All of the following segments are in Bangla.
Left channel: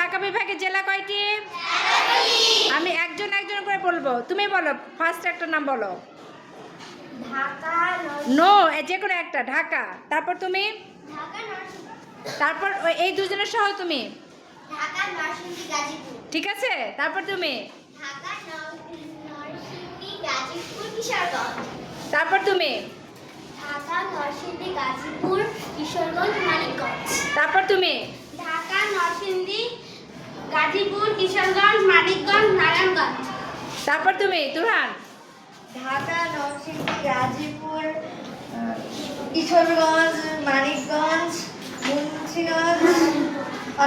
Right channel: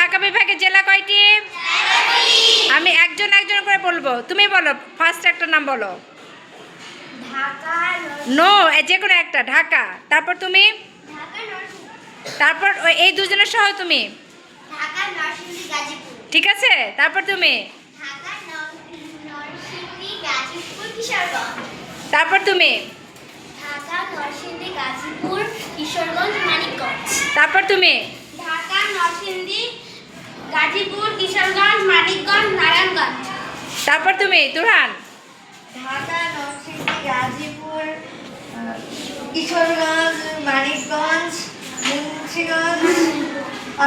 ঢাকা বিভাগের জেলা কয়টি? আমি একজন একজন করে বলব। তুমি বলো ফার্স্ট একটা নাম বলো। নো যে কোনো একটা ঢাকা। তারপর তুমি? তারপর ওই- এই দুজনের সহ তুমি? ঠিক আছে? তারপর তুমি? তারপর তুমি? ঢাকা নরসিংদী গাজীপুর কিশোরগঞ্জ মানিকগঞ্জ। তারপর তুমি? ঢাকা নরসিংদী গাজীপুর কিশোরগঞ্জ মানিকগঞ্জ নারায়ণগঞ্জ। তারপর তুমি তুরহান। ঢাকা নরসিংদী গাজীপুর কিশোরগঞ্জ মানিকগঞ্জ মুন্সিগঞ্জ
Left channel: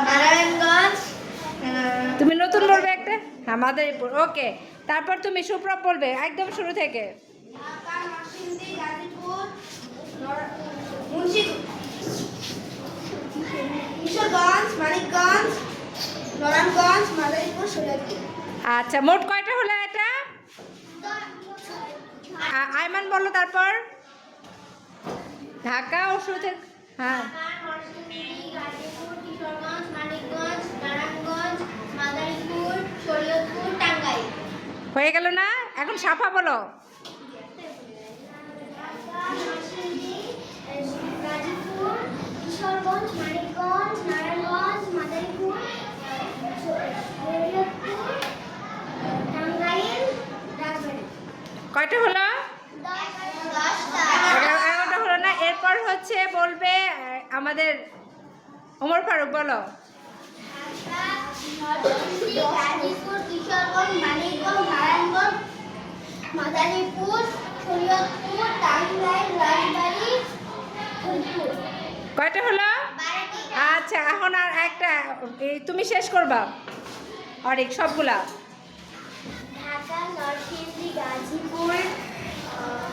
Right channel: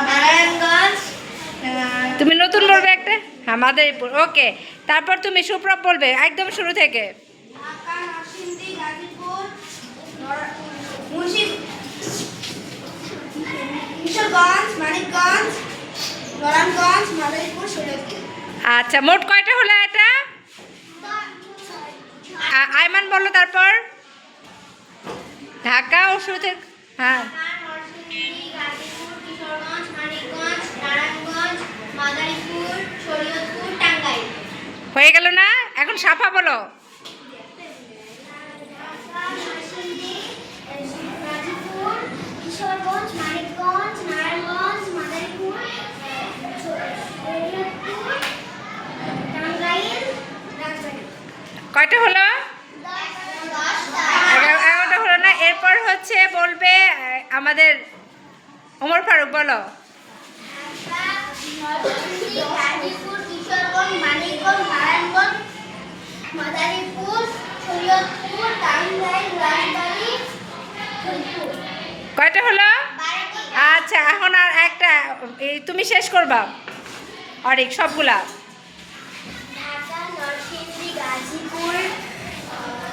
নারায়ণগঞ্জ তুমি নতুন বলবে একটা? হ্যাঁ মাদারীপুর। ওকে তারপর তুমি সুপ্রভ বলবে একদম শুরু থেকে। কিশোরগঞ্জ মানিকগঞ্জ নারায়ণগঞ্জ মাদারীপুর আচ্ছা মোট কয়টা হলো এটা? আয়মান বলল তারপর। ঢাকা ও শুরু থেকে হ্যাঁ হয়ে গেল না? এখন সাফা বলো গাজীপুর কিশোরগঞ্জ মানিকগঞ্জ নারায়ণগঞ্জ মাদারীপুর শরীয়তপুর টাঙ্গাইল রাজবাড়ী কয়টা হলো? এগারোটা হলো না? এরপর হচ্ছে বলবে আমাদের ওমর ফারুক, বলো। কয়টা হলো? আচ্ছা এখন আর একটা তুমি শেষ করবা। অরিক, সবগুলা ঢাকা নরসিংদী গাজীপুর আহ,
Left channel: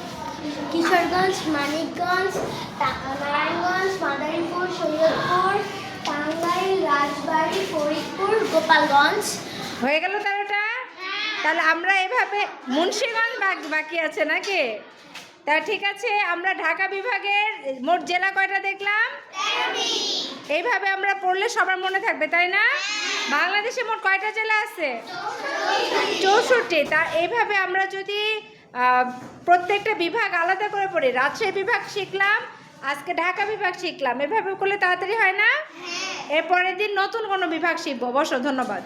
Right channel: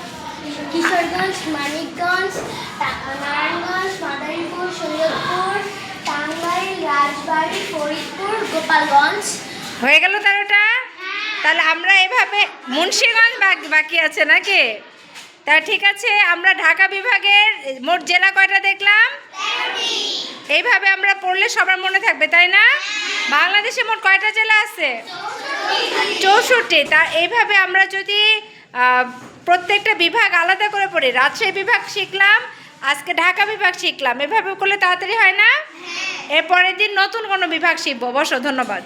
কিশোরগঞ্জ মানিকগঞ্জ নারায়ণগঞ্জ মাদারীপুর শরীয়তপুর টাঙ্গাইল রাজবাড়ী ফরিদপুর গোপালগঞ্জ। হয়ে গেল তেরোটা? তাহলে আমরা এভাবে মুন্সিগঞ্জ বাকি- আছে নাকি? তা ঠিক আছে আমরা ঢাকা বিভাগের মোট জেলা কয়টা দেখলাম? এইভাবে আমরা পড়লে সবার মনে থাকবে তাই না? বাংলাদেশে মোট কয়টা জেলা আছে? চৌষট্টি। তা এইভাবে আমরা যদি প্রত্যেকটা বিভাগ আলাদা করে পড়ি। রাজশাহী বিভাগ শিখলাম আজকে ঢাকা বিভাগ শিখলাম। এভাবে করলে তাড়াতাড়ি হয় না? এরপরের দিন নতুন কোনো বিভাগ শিখব। অবশ্য ধন্যবাদ।